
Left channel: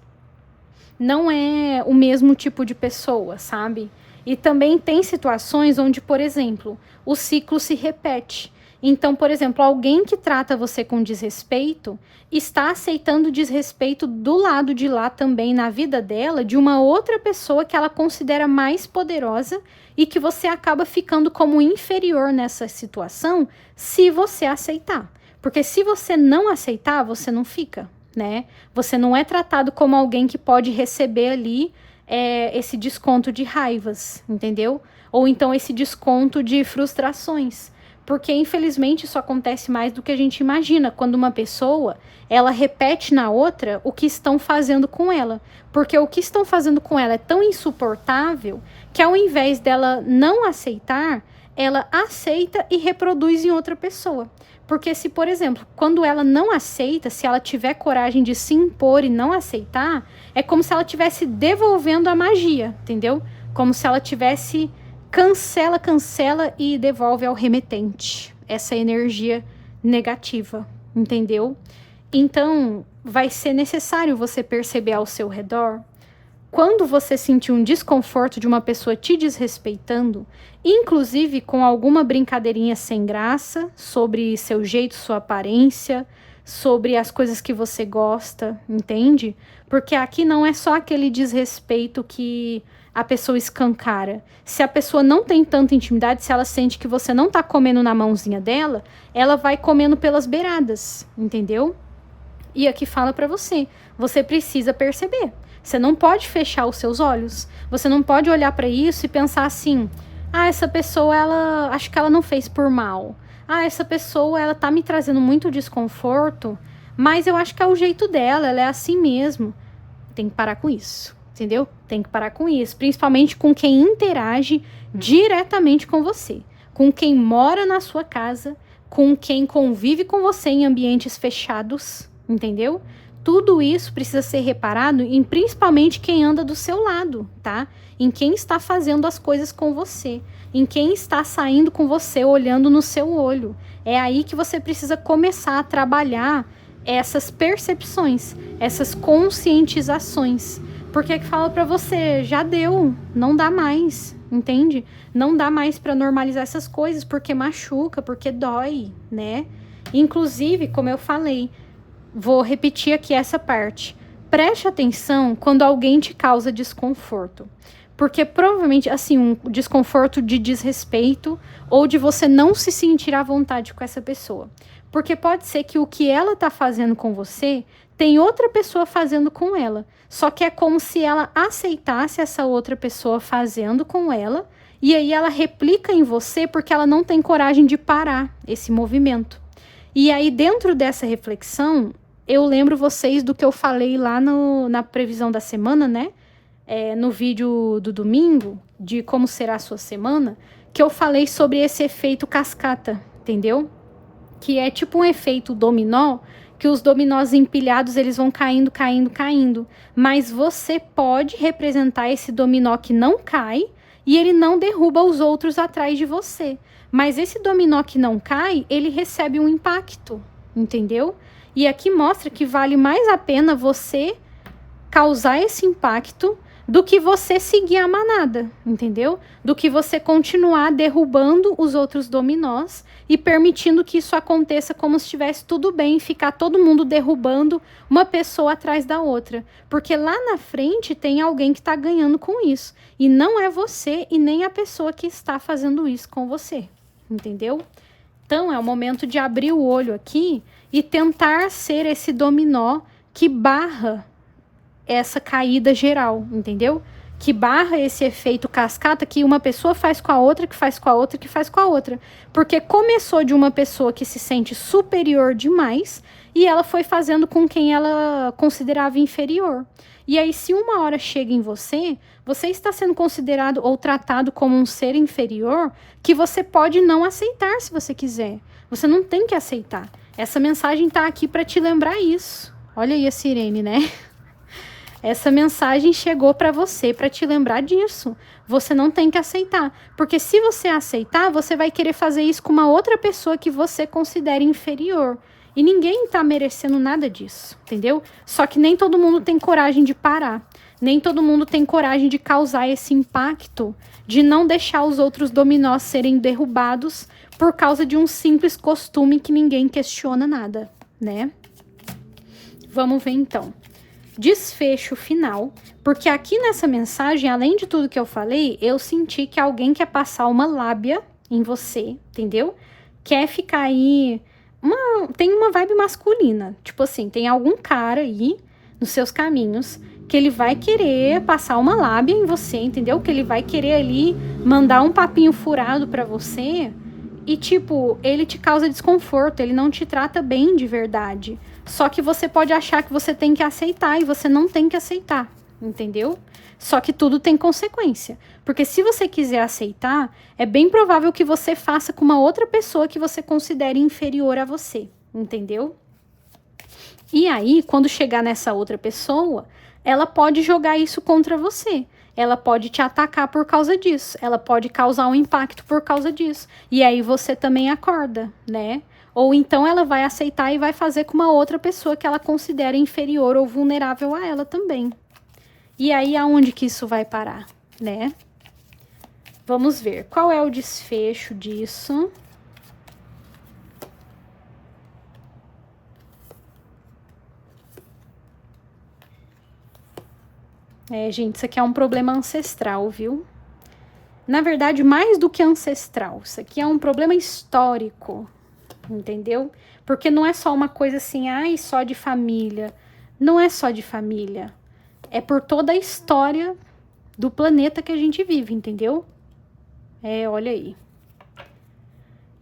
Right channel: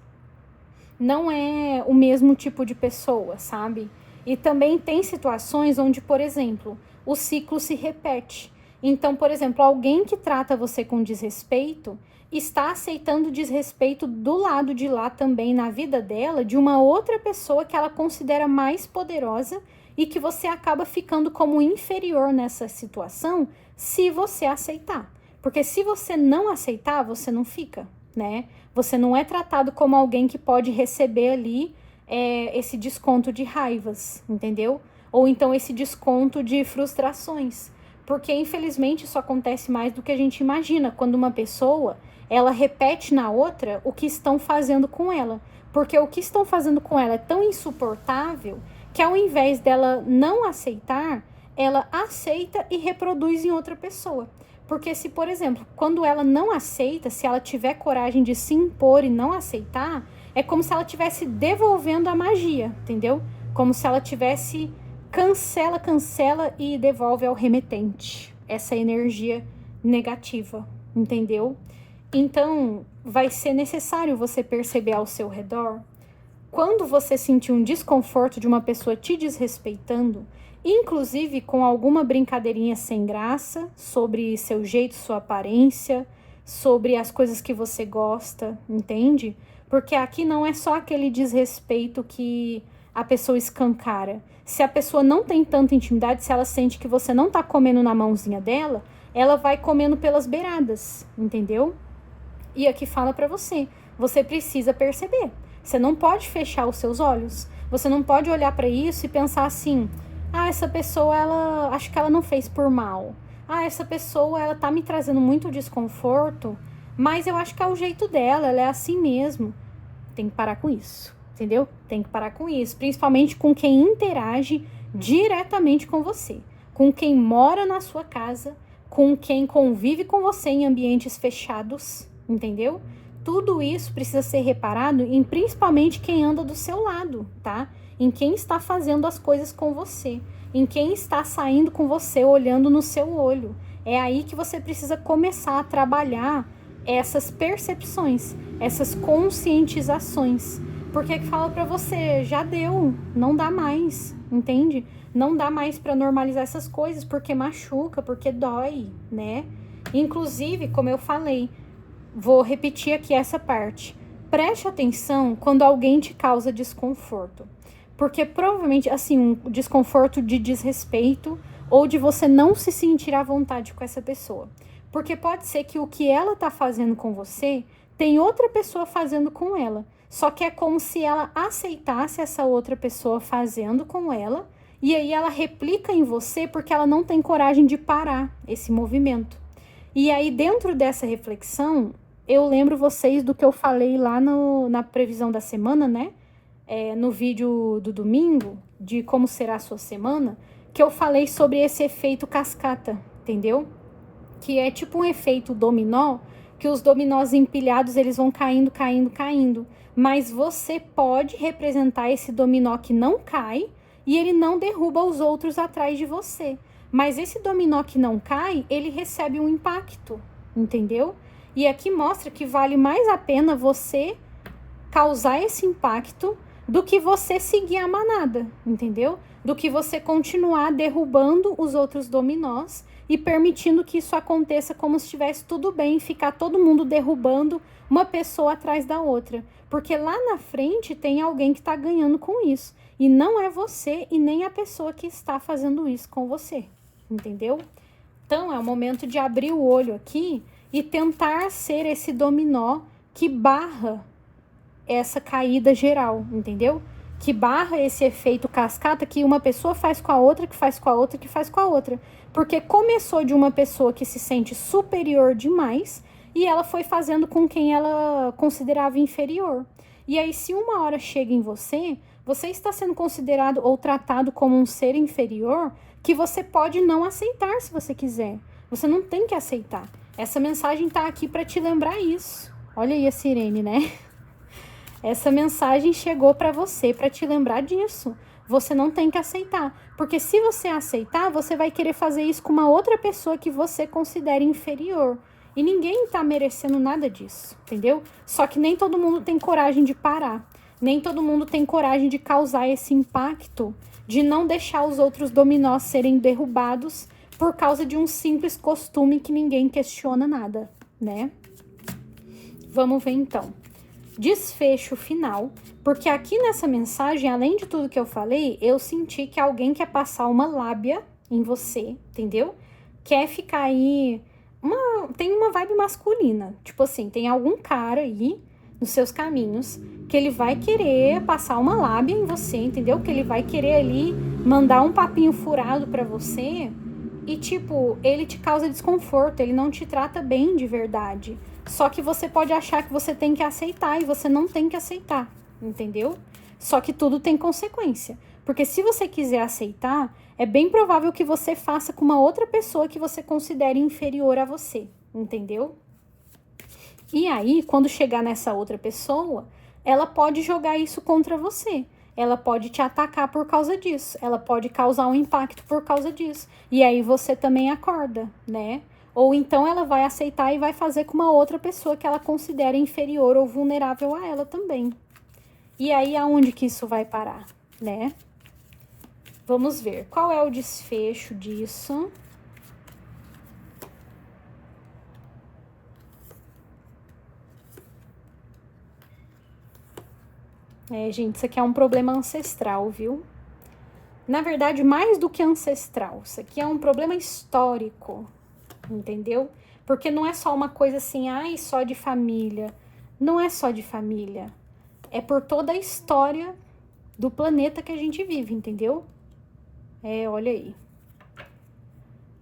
não é o mesmo tipo de pessoa, sabe? E também tem situações onde, por exemplo, o ciclo se repete. Então, por exemplo, alguém que trata você com desrespeito está aceitando desrespeito do lado de lá também na vida dela, de uma outra pessoa que ela considera mais poderosa e que você acaba ficando como inferior nessa situação se você aceitar. Porque se você não aceitar, você não fica, né? Você não é tratado como alguém que pode receber ali esse desconto de raivas, entendeu? Ou então esse desconto de frustrações. Porque, infelizmente, isso acontece mais do que a gente imagina, quando uma pessoa, ela repete na outra o que estão fazendo com ela. Porque o que estão fazendo com ela é tão insuportável que, ao invés dela não aceitar, ela aceita e reproduz em outra pessoa. Porque se, por exemplo, quando ela não aceita, se ela tiver coragem de se impor e não aceitar, é como se ela estivesse devolvendo a magia, entendeu? Como se ela tivesse cancela e devolve ao remetente essa energia negativa, entendeu? Então, vai ser necessário você perceber ao seu redor quando você sentir um desconforto de uma pessoa te desrespeitando, inclusive com alguma brincadeirinha sem graça sobre seu jeito, sua aparência, sobre as coisas que você gosta, entende? Porque aqui não é só aquele desrespeito que a pessoa escancara. Se a pessoa não tem tanta intimidade, se ela sente que você não tá comendo na mãozinha dela, ela vai comendo pelas beiradas, entendeu? E aqui fala pra você, você precisa perceber. Você não pode fechar os seus olhos. Você não pode olhar pra isso e pensar assim: "Ah, essa pessoa, ela acho que ela não fez por mal. Ah, essa pessoa, ela tá me trazendo muito desconforto, mas eu acho que é o jeito dela, ela é assim mesmo." Tem que parar com isso, entendeu? Tem que parar com isso, principalmente com quem interage diretamente com você, com quem mora na sua casa, com quem convive com você em ambientes fechados, entendeu? Tudo isso precisa ser reparado em principalmente quem anda do seu lado, tá? Em quem está fazendo as coisas com você, em quem está saindo com você, olhando no seu olho. É aí que você precisa começar a trabalhar essas percepções, essas conscientizações. Porque que fala pra você, já deu, não dá mais, entende? Não dá mais pra normalizar essas coisas, porque machuca, porque dói, né? Inclusive, como eu falei, vou repetir aqui essa parte. Preste atenção quando alguém te causa desconforto. Porque provavelmente, assim, um desconforto de desrespeito ou de você não se sentir à vontade com essa pessoa. Porque pode ser que o que ela tá fazendo com você tem outra pessoa fazendo com ela. Só que é como se ela aceitasse essa outra pessoa fazendo com ela, e aí ela replica em você porque ela não tem coragem de parar esse movimento. E aí, dentro dessa reflexão, eu lembro vocês do que eu falei lá na previsão da semana, né? No vídeo do domingo, de como será a sua semana, que eu falei sobre esse efeito cascata, entendeu? Que é tipo um efeito dominó, que os dominós empilhados, eles vão caindo, caindo, caindo. Mas você pode representar esse dominó que não cai e ele não derruba os outros atrás de você. Mas esse dominó que não cai, ele recebe um impacto, entendeu? E aqui mostra que vale mais a pena você causar esse impacto do que você seguir a manada, entendeu? Do que você continuar derrubando os outros dominós e permitindo que isso aconteça como se estivesse tudo bem, ficar todo mundo derrubando uma pessoa atrás da outra. Porque lá na frente tem alguém que está ganhando com isso. E não é você e nem a pessoa que está fazendo isso com você, entendeu? Então é o momento de abrir o olho aqui e tentar ser esse dominó que barra essa caída geral, entendeu? Que barra esse efeito cascata que uma pessoa faz com a outra, que faz com a outra, que faz com a outra. Porque começou de uma pessoa que se sente superior demais e ela foi fazendo com quem ela considerava inferior. E aí, se uma hora chega em você, você está sendo considerado ou tratado como um ser inferior que você pode não aceitar se você quiser. Você não tem que aceitar. Essa mensagem tá aqui para te lembrar isso. Olha aí a sirene, né? Essa mensagem chegou para você para te lembrar disso. Você não tem que aceitar. Porque se você aceitar, você vai querer fazer isso com uma outra pessoa que você considera inferior. E ninguém tá merecendo nada disso, entendeu? Só que nem todo mundo tem coragem de parar. Nem todo mundo tem coragem de causar esse impacto, de não deixar os outros dominós serem derrubados por causa de um simples costume que ninguém questiona nada, né? Vamos ver então. Desfecho final, porque aqui nessa mensagem, além de tudo que eu falei, eu senti que alguém quer passar uma lábia em você, entendeu? Quer ficar aí, tem uma vibe masculina, tipo assim, tem algum cara aí nos seus caminhos que ele vai querer passar uma lábia em você, entendeu? Que ele vai querer ali mandar um papinho furado pra você e tipo, ele te causa desconforto, ele não te trata bem de verdade. Só que você pode achar que você tem que aceitar e você não tem que aceitar, entendeu? Só que tudo tem consequência. Porque se você quiser aceitar, é bem provável que você faça com uma outra pessoa que você considere inferior a você, entendeu? E aí, quando chegar nessa outra pessoa, ela pode jogar isso contra você. Ela pode te atacar por causa disso. Ela pode causar um impacto por causa disso. E aí você também acorda, né? Ou então ela vai aceitar e vai fazer com uma outra pessoa que ela considera inferior ou vulnerável a ela também. E aí, aonde que isso vai parar, né? Vamos ver, qual é o desfecho disso? Gente, isso aqui é um problema ancestral, viu? Na verdade, mais do que ancestral, isso aqui é um problema histórico, entendeu? Porque não é só uma coisa assim, ai, só de família. Não é só de família. É por toda a história do planeta que a gente vive, entendeu? Olha aí.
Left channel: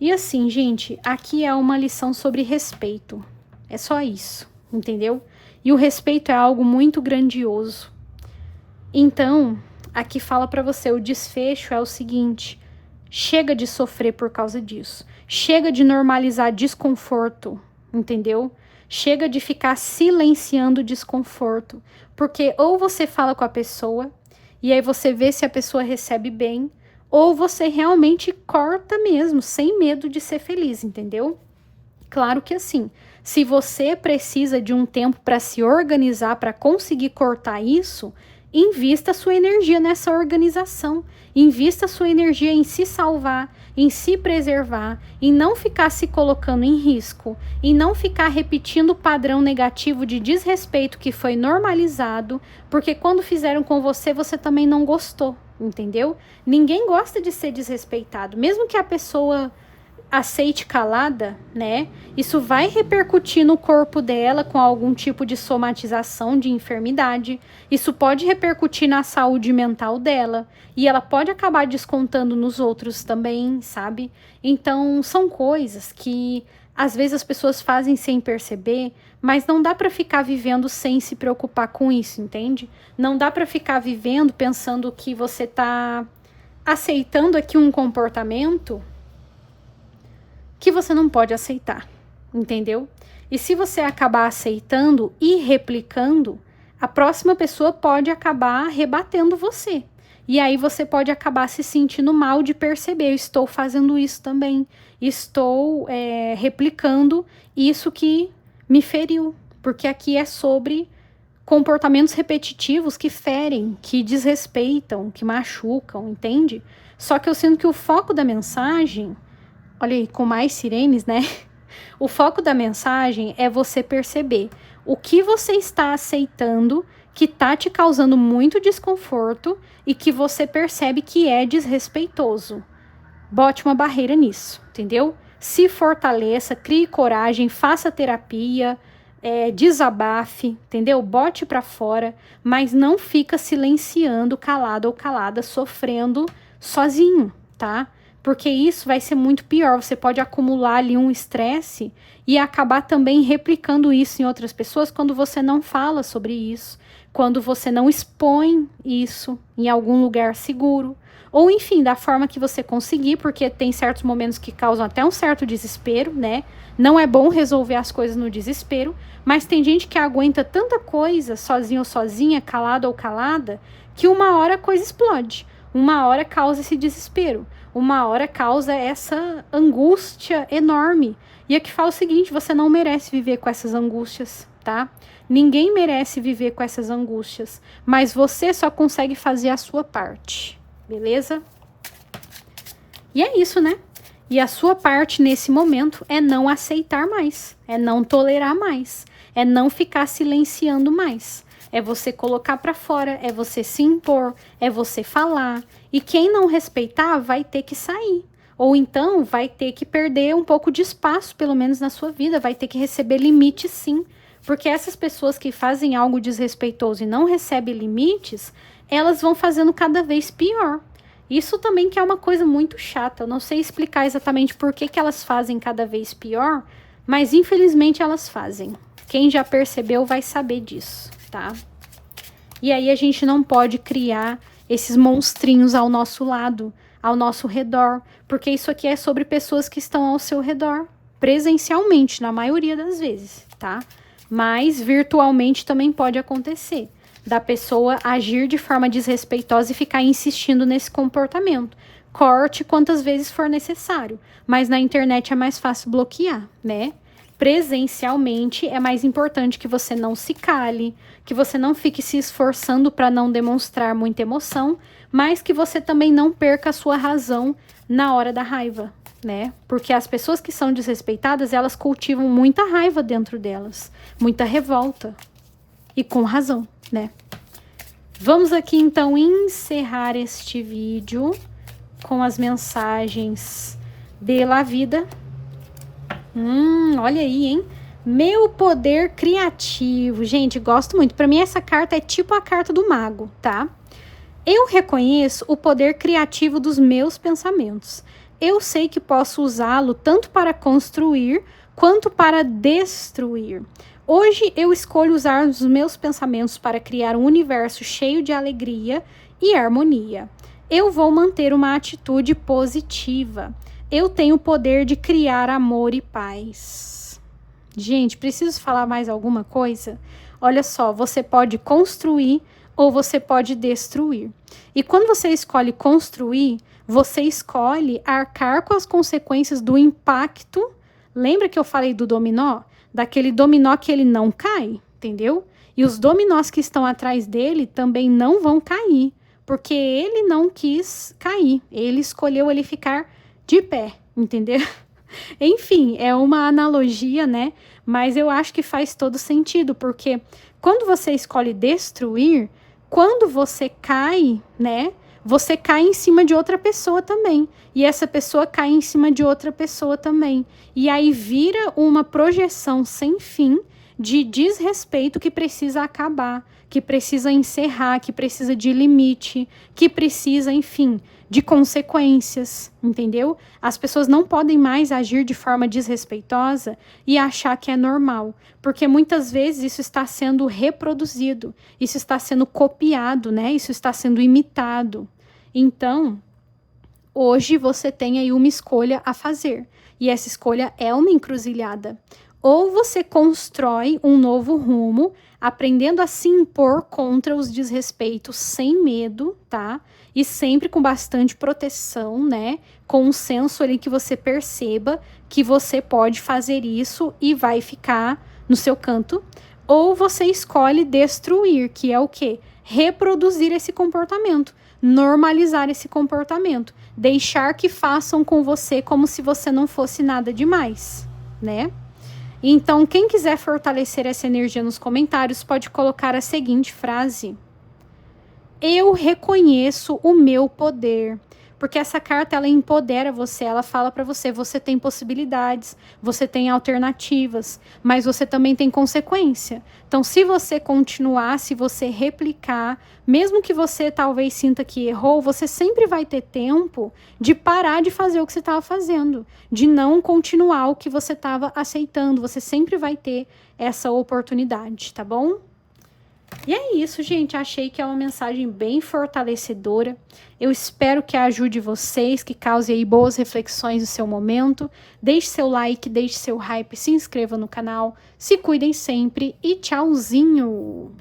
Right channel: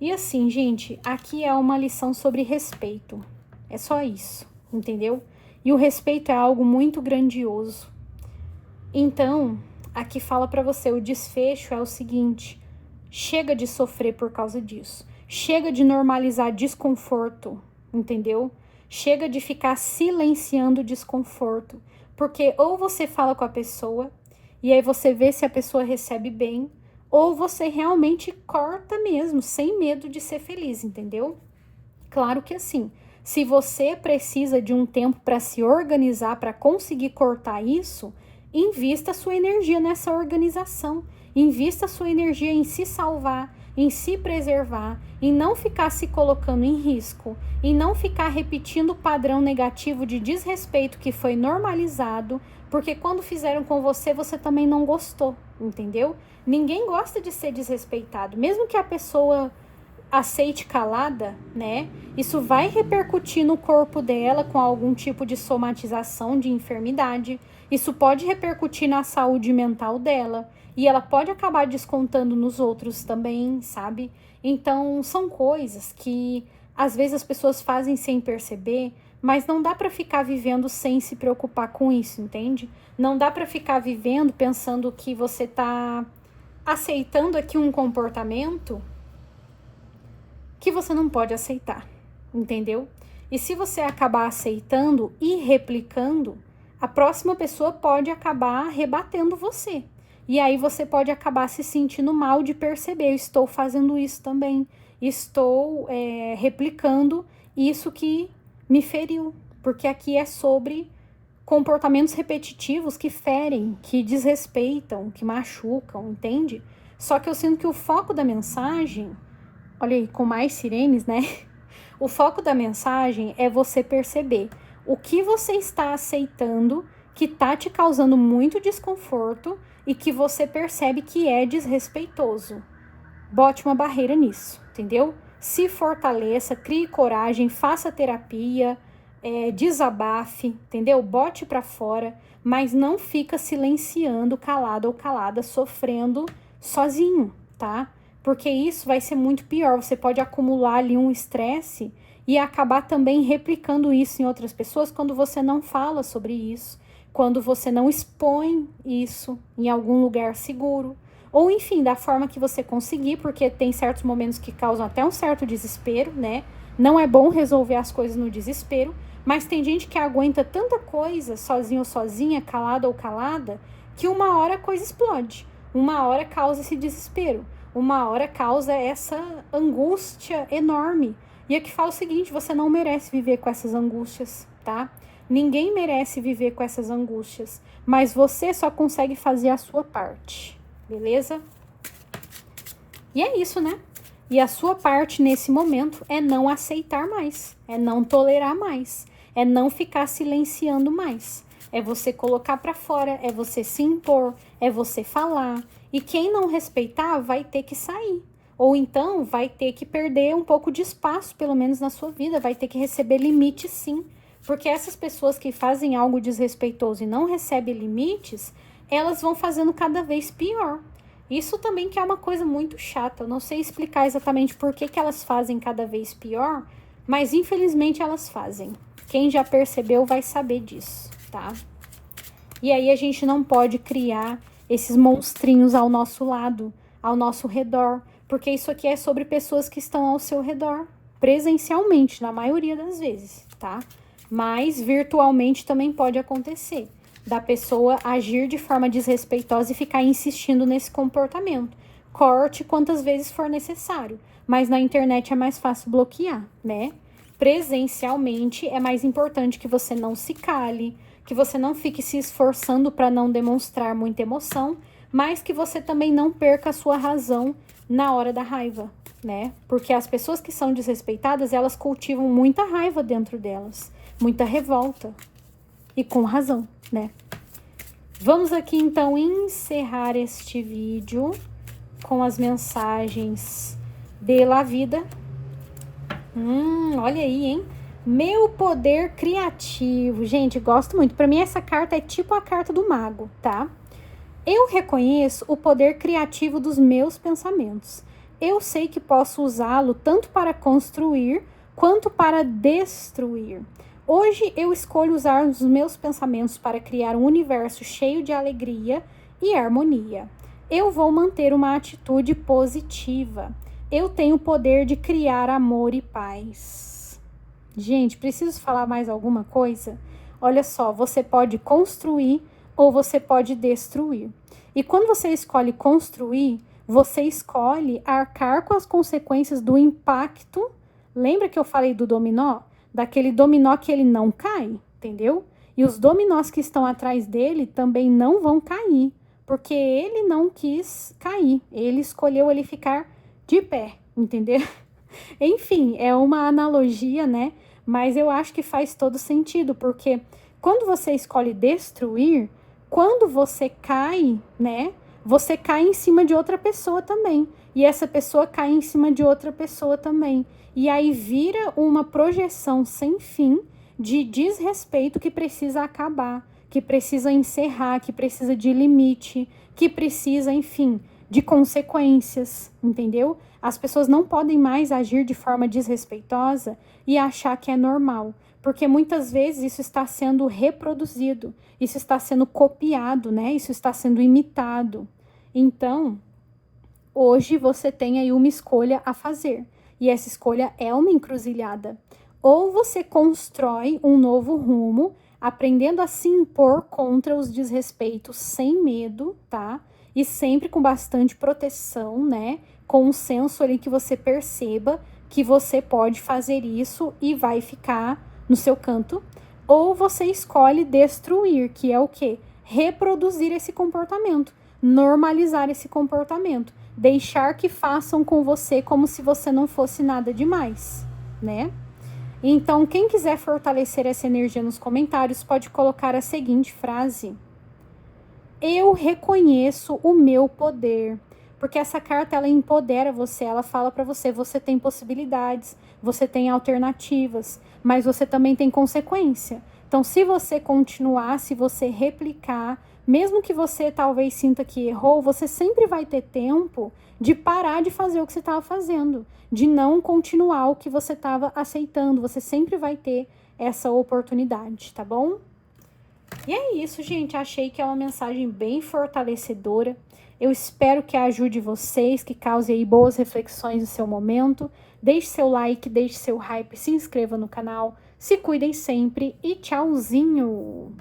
E assim, gente, aqui é uma lição sobre respeito. É só isso, entendeu? E o respeito é algo muito grandioso. Então, aqui fala pra você, o desfecho é o seguinte: chega de sofrer por causa disso. Chega de normalizar desconforto, entendeu? Chega de ficar silenciando o desconforto. Porque ou você fala com a pessoa, e aí você vê se a pessoa recebe bem, ou você realmente corta mesmo, sem medo de ser feliz, entendeu? Claro que assim, se você precisa de um tempo para se organizar, para conseguir cortar isso, invista sua energia nessa organização. Invista sua energia em se salvar, em se preservar, em não ficar se colocando em risco, em não ficar repetindo o padrão negativo de desrespeito que foi normalizado, porque quando fizeram com você, você também não gostou, entendeu? Ninguém gosta de ser desrespeitado, mesmo que a pessoa aceite calada, né? Isso vai repercutir no corpo dela com algum tipo de somatização de enfermidade. Isso pode repercutir na saúde mental dela. E ela pode acabar descontando nos outros também, sabe? Então, são coisas que às vezes as pessoas fazem sem perceber, mas não dá pra ficar vivendo sem se preocupar com isso, entende? Não dá pra ficar vivendo pensando que você tá aceitando aqui um comportamento que você não pode aceitar, entendeu? E se você acabar aceitando e replicando, a próxima pessoa pode acabar rebatendo você. E aí você pode acabar se sentindo mal de perceber, eu estou fazendo isso também, estou replicando isso que me feriu, porque aqui é sobre comportamentos repetitivos que ferem, que desrespeitam, que machucam, entende? Só que eu sinto que o foco da mensagem, olha aí, com mais sirenes, né? O foco da mensagem é você perceber o que você está aceitando que tá te causando muito desconforto e que você percebe que é desrespeitoso. Bote uma barreira nisso, entendeu? Se fortaleça, crie coragem, faça terapia, desabafe, entendeu? Bote pra fora, mas não fica silenciando, calado ou calada, sofrendo sozinho, tá? Porque isso vai ser muito pior. Você pode acumular ali um estresse e acabar também replicando isso em outras pessoas quando você não fala sobre isso, quando você não expõe isso em algum lugar seguro, ou enfim, da forma que você conseguir, porque tem certos momentos que causam até um certo desespero, né? Não é bom resolver as coisas no desespero, mas tem gente que aguenta tanta coisa, sozinho ou sozinha, calado ou calada, que uma hora a coisa explode, uma hora causa esse desespero, uma hora causa essa angústia enorme. E aqui fala o seguinte: você não merece viver com essas angústias, tá? Ninguém merece viver com essas angústias, mas você só consegue fazer a sua parte, beleza? E é isso, né? E a sua parte nesse momento é não aceitar mais, é não tolerar mais, é não ficar silenciando mais. É você colocar pra fora, é você se impor, é você falar. E quem não respeitar vai ter que sair. Ou então vai ter que perder um pouco de espaço, pelo menos na sua vida. Vai ter que receber limite, sim. Porque essas pessoas que fazem algo desrespeitoso e não recebem limites, elas vão fazendo cada vez pior. Isso também que é uma coisa muito chata. Eu não sei explicar exatamente por que elas fazem cada vez pior, mas infelizmente elas fazem. Quem já percebeu vai saber disso, tá? E aí a gente não pode criar esses monstrinhos ao nosso lado, ao nosso redor, porque isso aqui é sobre pessoas que estão ao seu redor, presencialmente, na maioria das vezes, tá? Mas virtualmente também pode acontecer, da pessoa agir de forma desrespeitosa e ficar insistindo nesse comportamento. Corte quantas vezes for necessário, mas na internet é mais fácil bloquear, né? presencialmente, é mais importante que você não se cale, que você não fique se esforçando para não demonstrar muita emoção, mas que você também não perca a sua razão na hora da raiva, né? Porque as pessoas que são desrespeitadas, elas cultivam muita raiva dentro delas, muita revolta, e com razão, né? Vamos aqui então encerrar este vídeo com as mensagens de La Vida. Olha aí, hein? Meu poder criativo. Gente, gosto muito. Para mim, essa carta é tipo a carta do mago, tá? Eu reconheço o poder criativo dos meus pensamentos. Eu sei que posso usá-lo tanto para construir quanto para destruir. Hoje eu escolho usar os meus pensamentos para criar um universo cheio de alegria e harmonia. Eu vou manter uma atitude positiva. Eu tenho o poder de criar amor e paz. Gente, preciso falar mais alguma coisa? Olha só, você pode construir ou você pode destruir. E quando você escolhe construir, você escolhe arcar com as consequências do impacto. Lembra que eu falei do dominó? Daquele dominó que ele não cai, entendeu? E os dominós que estão atrás dele também não vão cair, porque ele não quis cair. Ele escolheu ele ficar de pé, entendeu? Enfim, é uma analogia, né? Mas eu acho que faz todo sentido, porque quando você escolhe destruir, quando você cai, né? Você cai em cima de outra pessoa também. E essa pessoa cai em cima de outra pessoa também. E aí vira uma projeção sem fim de desrespeito que precisa acabar, que precisa encerrar, que precisa de limite, que precisa, enfim, de consequências, entendeu? As pessoas não podem mais agir de forma desrespeitosa e achar que é normal, porque muitas vezes isso está sendo reproduzido, isso está sendo copiado, né? Isso está sendo imitado. Então, hoje você tem aí uma escolha a fazer, e essa escolha é uma encruzilhada. Ou você constrói um novo rumo, aprendendo a se impor contra os desrespeitos sem medo, tá? E sempre com bastante proteção, né? Com um senso ali que você perceba que você pode fazer isso e vai ficar no seu canto. Ou você escolhe destruir, que é o quê? Reproduzir esse comportamento, normalizar esse comportamento, deixar que façam com você como se você não fosse nada demais, né? Então, quem quiser fortalecer essa energia nos comentários, pode colocar a seguinte frase: eu reconheço o meu poder. Porque essa carta, ela empodera você, ela fala para você, você tem possibilidades, você tem alternativas, mas você também tem consequência. Então, se você continuar, se você replicar, mesmo que você talvez sinta que errou, você sempre vai ter tempo de parar de fazer o que você estava fazendo, de não continuar o que você estava aceitando. Você sempre vai ter essa oportunidade, tá bom? E é isso, gente. Achei que é uma mensagem bem fortalecedora. Eu espero que ajude vocês, que cause aí boas reflexões no seu momento. Deixe seu like, deixe seu hype, se inscreva no canal. Se cuidem sempre e tchauzinho!